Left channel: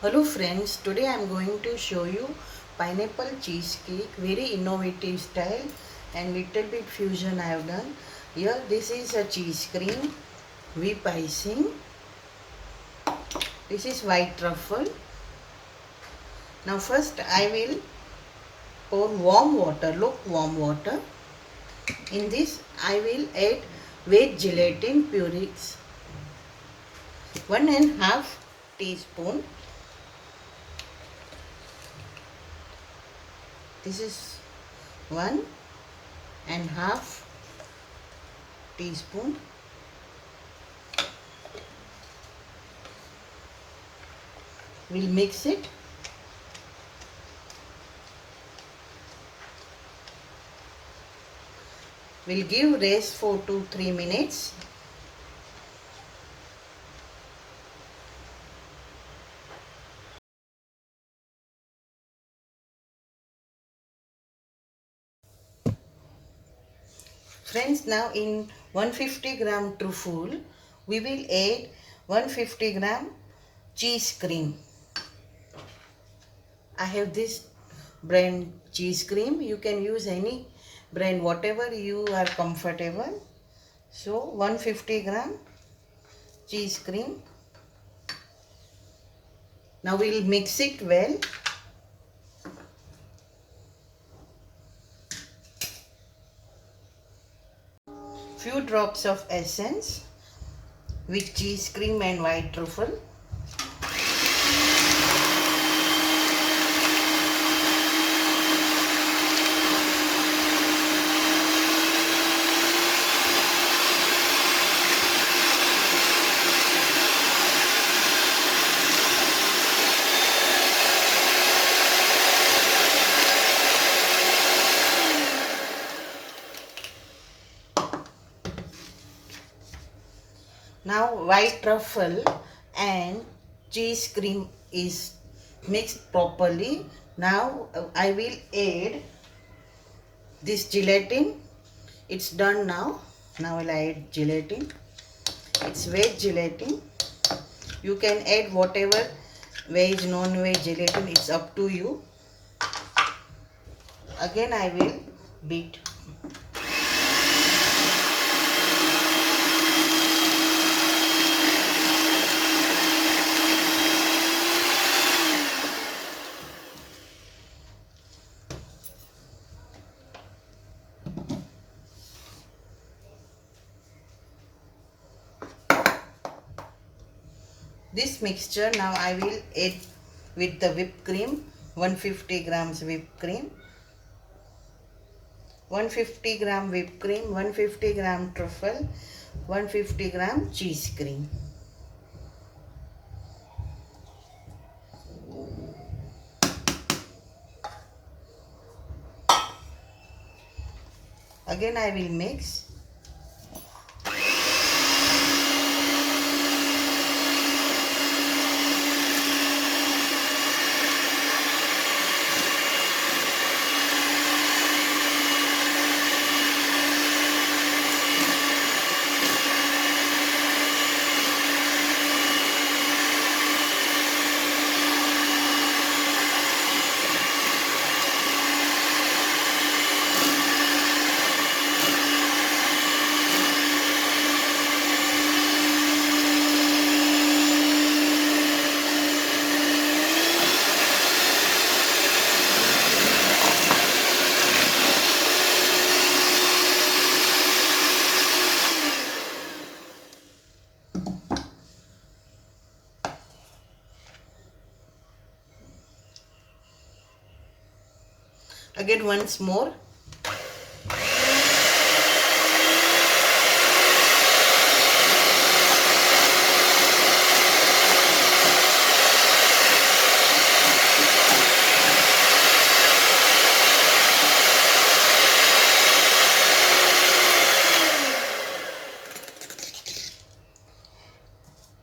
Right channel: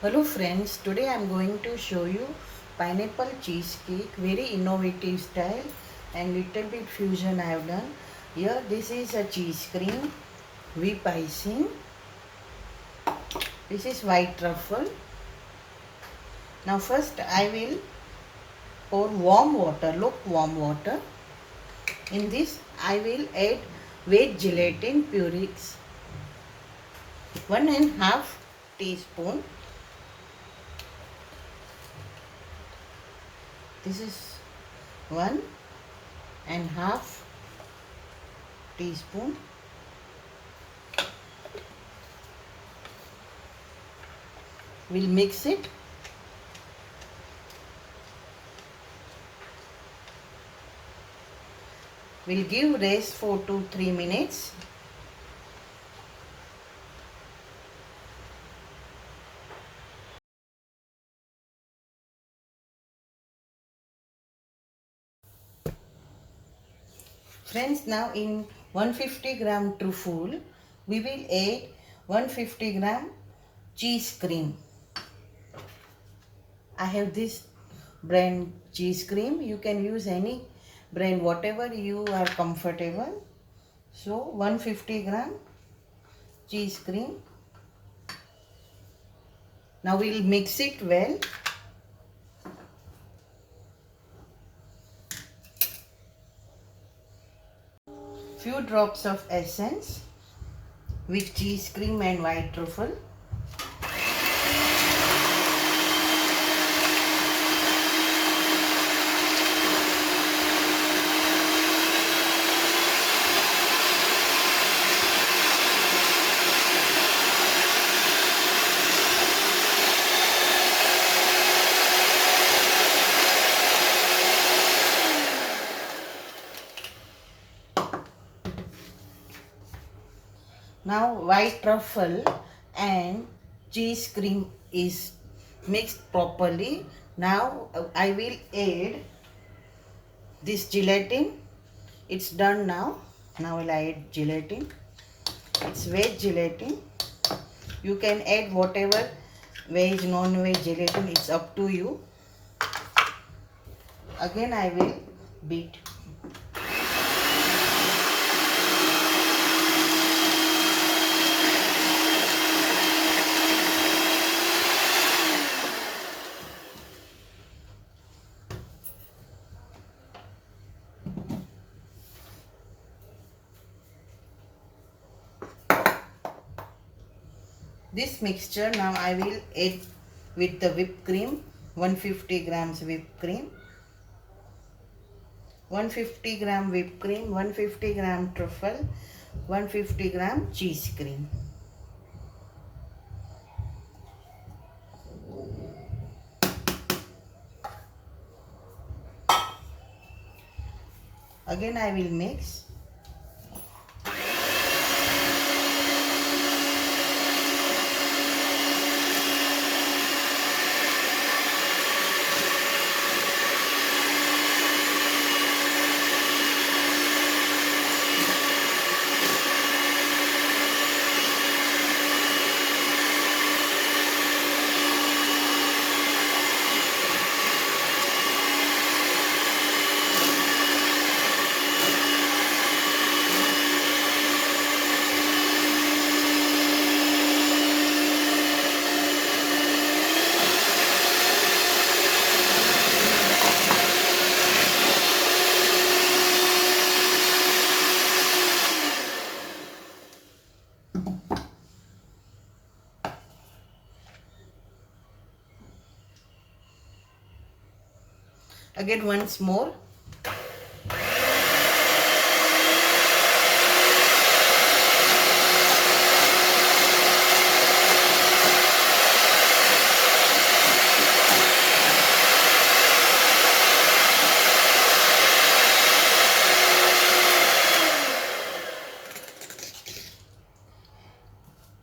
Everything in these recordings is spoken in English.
Hello friends, today I am going to show you pineapple cheesecake, very innovative style and little bit fusion I have done. Here this is a cheese cream, whip icing, this is white truffle. Now first I will pour warm water, lukewarm water. In this I will add veg gelatin purees, 1.5 teaspoon. This is 1.5 teaspoon. We'll mix it. We'll give rest for 2-3 minutes. Friends, now in 150 gram truffle, we will add 150 gram cheese cream. I have this brand cheese cream. You can use any brand, whatever you are comfortable. So 150 gram cheese cream. Now we will mix it well. Few drops of essence with cheese cream and white truffle. Now white truffle and cheese cream is mixed properly. Now I will add this gelatin. It's done now. Now I'll add gelatin. It's veg gelatin. You can add whatever veg, non-veg gelatin. It's up to you. Again I will beat. This mixture now I will add with the whipped cream, 150 grams whipped cream, 150 gram whipped cream, 150 gram truffle, 150 gram cheese cream. Again I will mix. Again once more.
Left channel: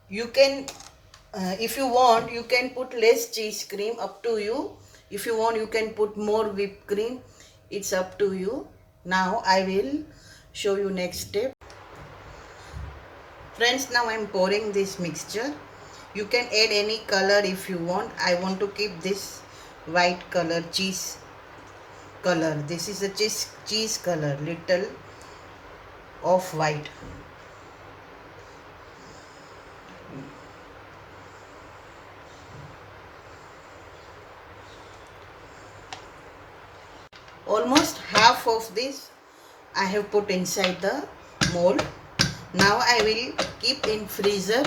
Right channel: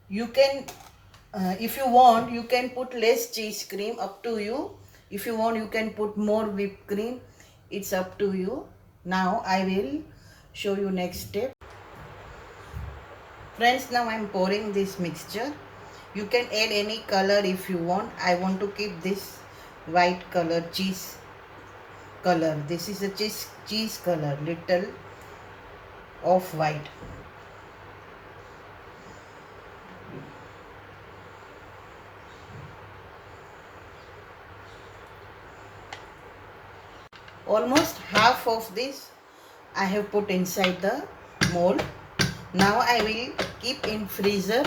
You can, if you want, you can put less cheese cream, up to you. If you want, you can put more whipped cream. It's up to you. Now I will show you next step. Friends, now I am pouring this mixture You can add any color if you want. I want to keep this white color, cheese color. This is a cheese color, little off white. Almost half of this I have put inside the mold. Now I will keep in freezer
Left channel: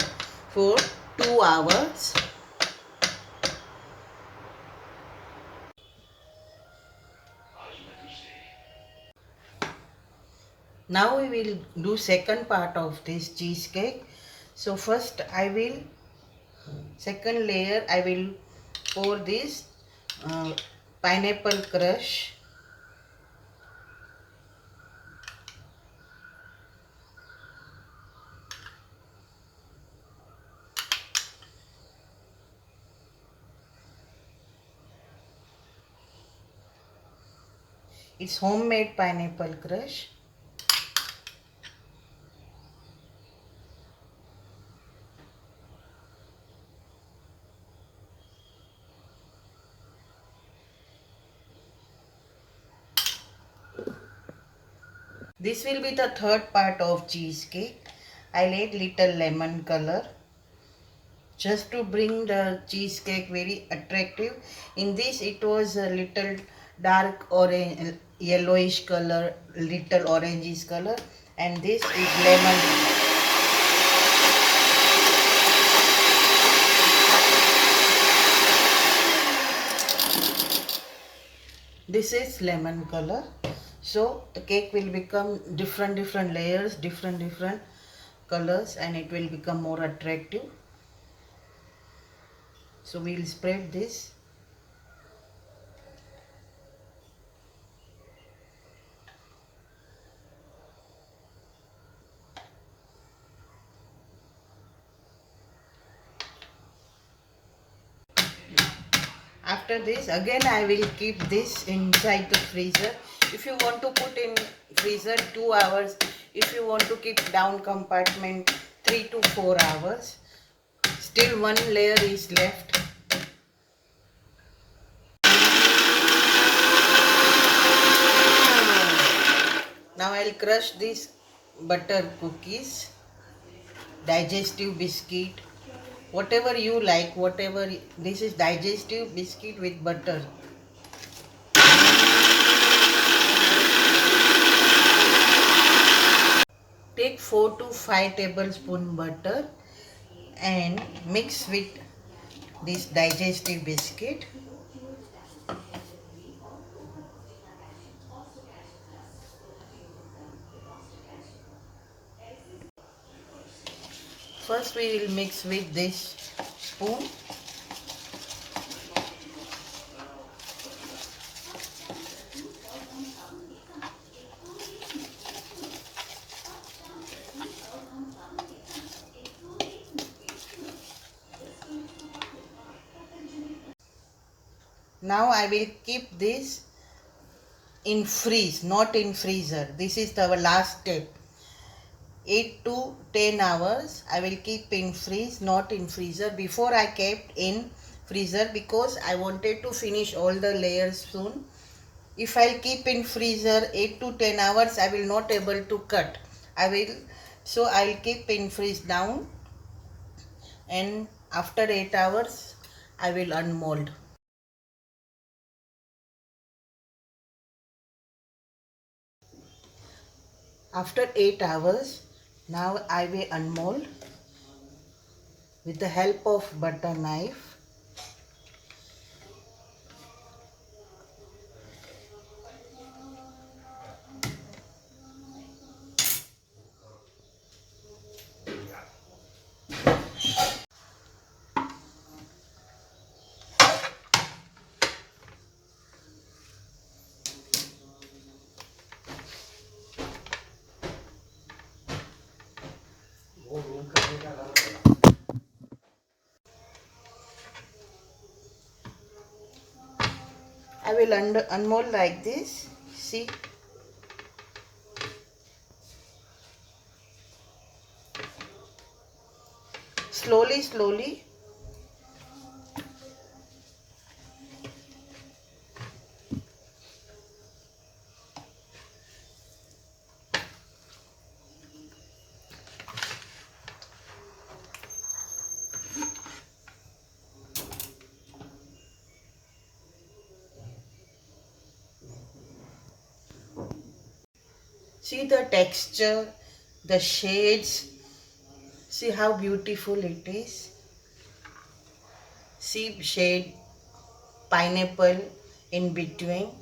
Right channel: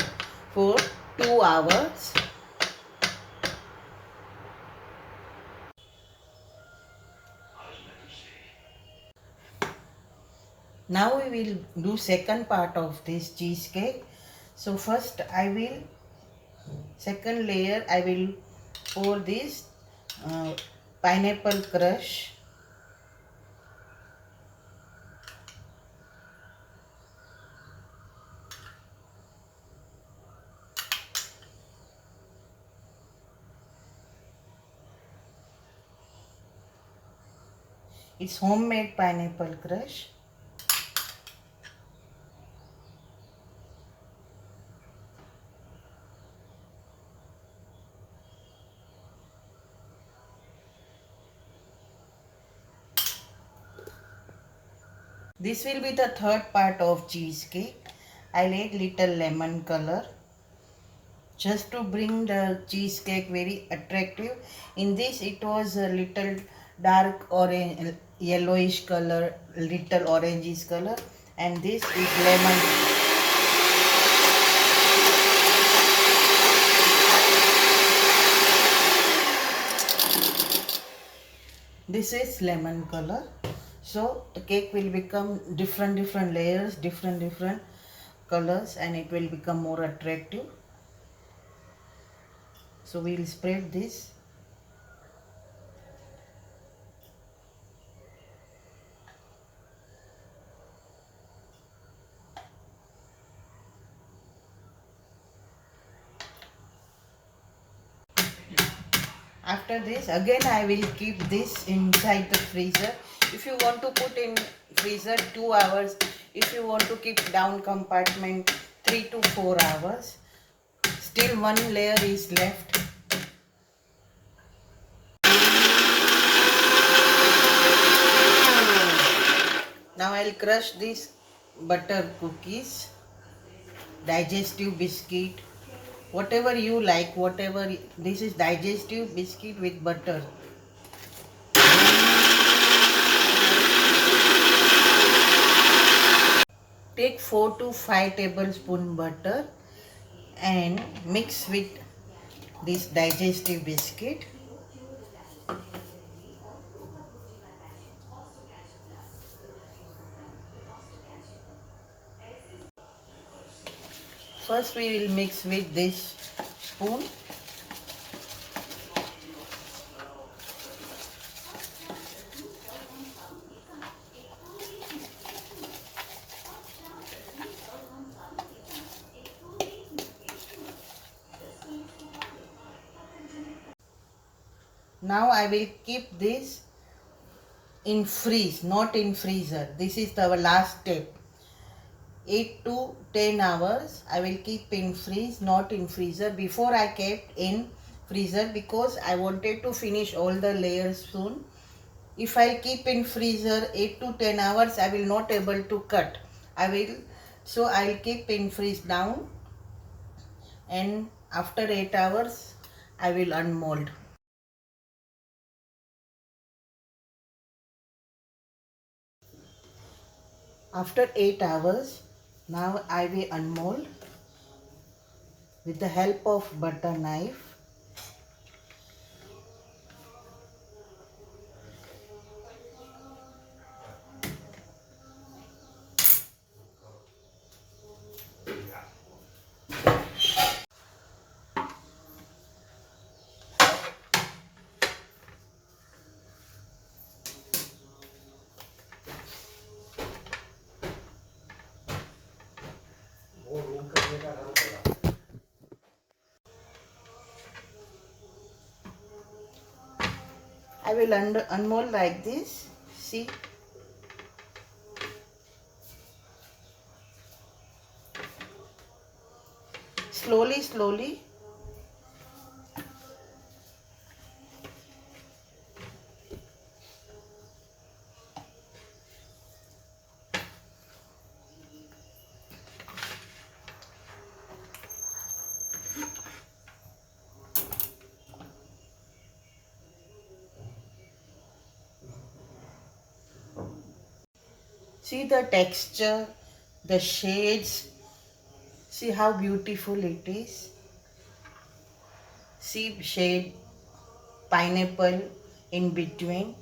for 2 hours. Now we will do second part of this cheesecake. So first I will, second layer I will pour this pineapple crush. It's homemade pineapple crush. This will be the third part of cheesecake. I'll add little lemon color just to bring the cheesecake very attractive. In this it was a little dark orange, yellowish color, little orangish color, and this is lemon. This is lemon color. So the cake will become different layers, different colors, and it will become more attractive. So we'll spread this. After this, again I will keep this inside the freezer. If you want to put in freezer 2 hours, if you want to keep down compartment 3 to 4 hours, still one layer is left. Now I'll crush these butter cookies, digestive biscuit, whatever you like, whatever. This is digestive biscuit with butter. Take 4 to 5 tablespoon butter and mix with this digestive biscuit. First we will mix with this spoon. Now I will keep this in freeze, not in freezer. This is the last step. 8 to 10 hours I will keep in freeze, not in freezer. Before I kept in freezer because I wanted to finish all the layers soon. If I keep in freezer 8 to 10 hours, I will not able to cut. So I'll keep in freeze now, and after 8 hours I will unmold. After 8 hours, now I will unmold with the help of butter knife. I will unmold like this. See, slowly See the texture, the shades. See how beautiful it is. See shade pineapple in between.